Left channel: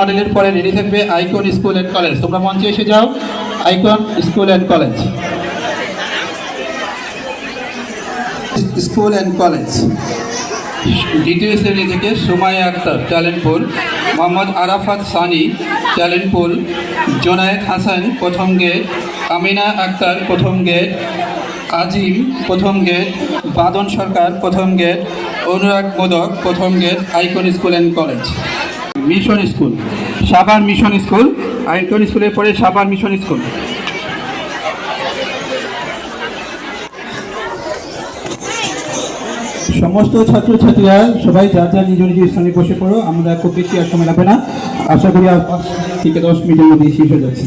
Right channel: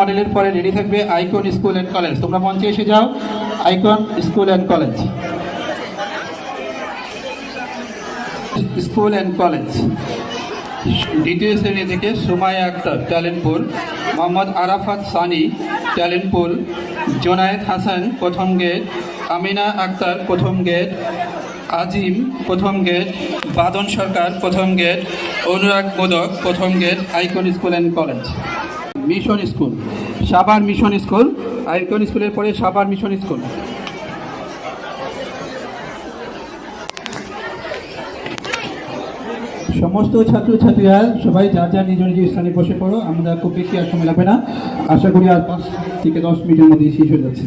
মডেলের পরে রেডি থাকবে আইকন স্কুল অ্যান্ড কলেজ। তোমরা মঞ্চে এসে যাও। Icon school and college, school and college. দ্বিতীয় শ্রেণী থেকে সুমাইয়া আক্তার, ট্যালেন্টপুর। মোহাম্মদ আরাফাত সানি, ট্যালেন্টপুর। জোনায়েদ হাসান, প্রথম গেট। আমিনা আক্তার, প্রথম গেট। আজিম, প্রথম গেট। বাদন সরকার, প্রথম গেট। অনুরাগ মোদক, প্রথম gate. Icon school and college. Mission school, Savar mission school. Icon স্কুলের পরে সাভার মিশন স্কুল। সমস্ত ছাত্রছাত্রীরা সবাই যার যার নিজ নিজ স্থানে বসে পড়ো। আমরা খুব বেশি আর সময় লাগবে না, আশা করি আর 5 থেকে 10 মিনিটের মধ্যে শেষ হয়ে যাচ্ছে।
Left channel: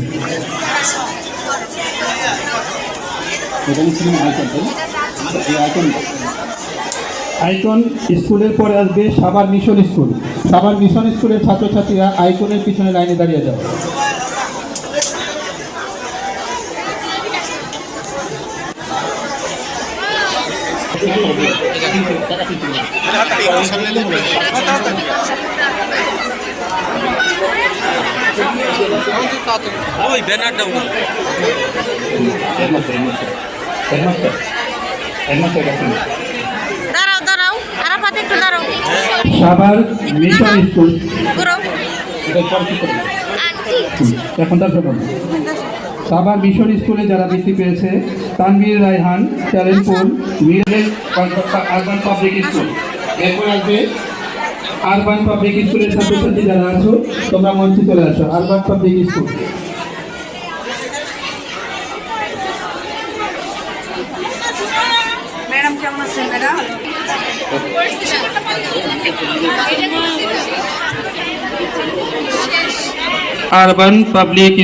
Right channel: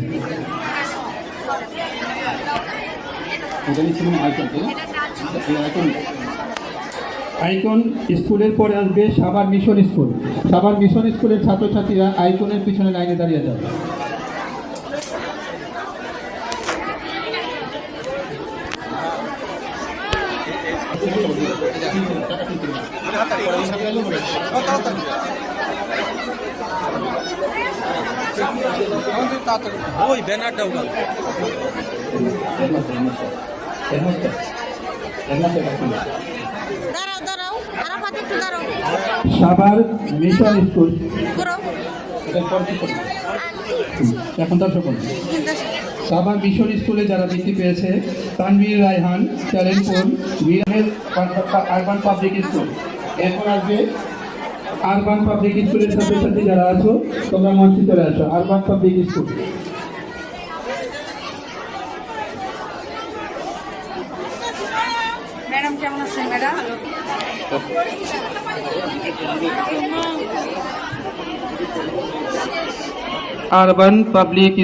আইকন স্কুলের পরে আসবে Savar mission school. Savar mission স্কুলের ছাত্রছাত্রীরা আইকনের পিছনে লাইনে দাঁড়িয়ে যাও। ওই ব্যানারটা উঠা দাঁড়াও দাঁড়াও, আরাফাত একটু দাঁড়াও। সাভার মিশন স্কুল ঘুরো। এখন তার শোনো। সাভার মিশন স্কুলে যারা বৃত্তি পেয়েছে, Tanvir Raihan, Talentpur, Miraj urban public school. এরপর আসবে আরবান পাবলিক স্কুলের ছাত্রছাত্রী যারা আছো তোমরা মঞ্চে চলে আসো। Urban public school. ম্যাডাম কেমন আছেন ম্যাডাম? Urban public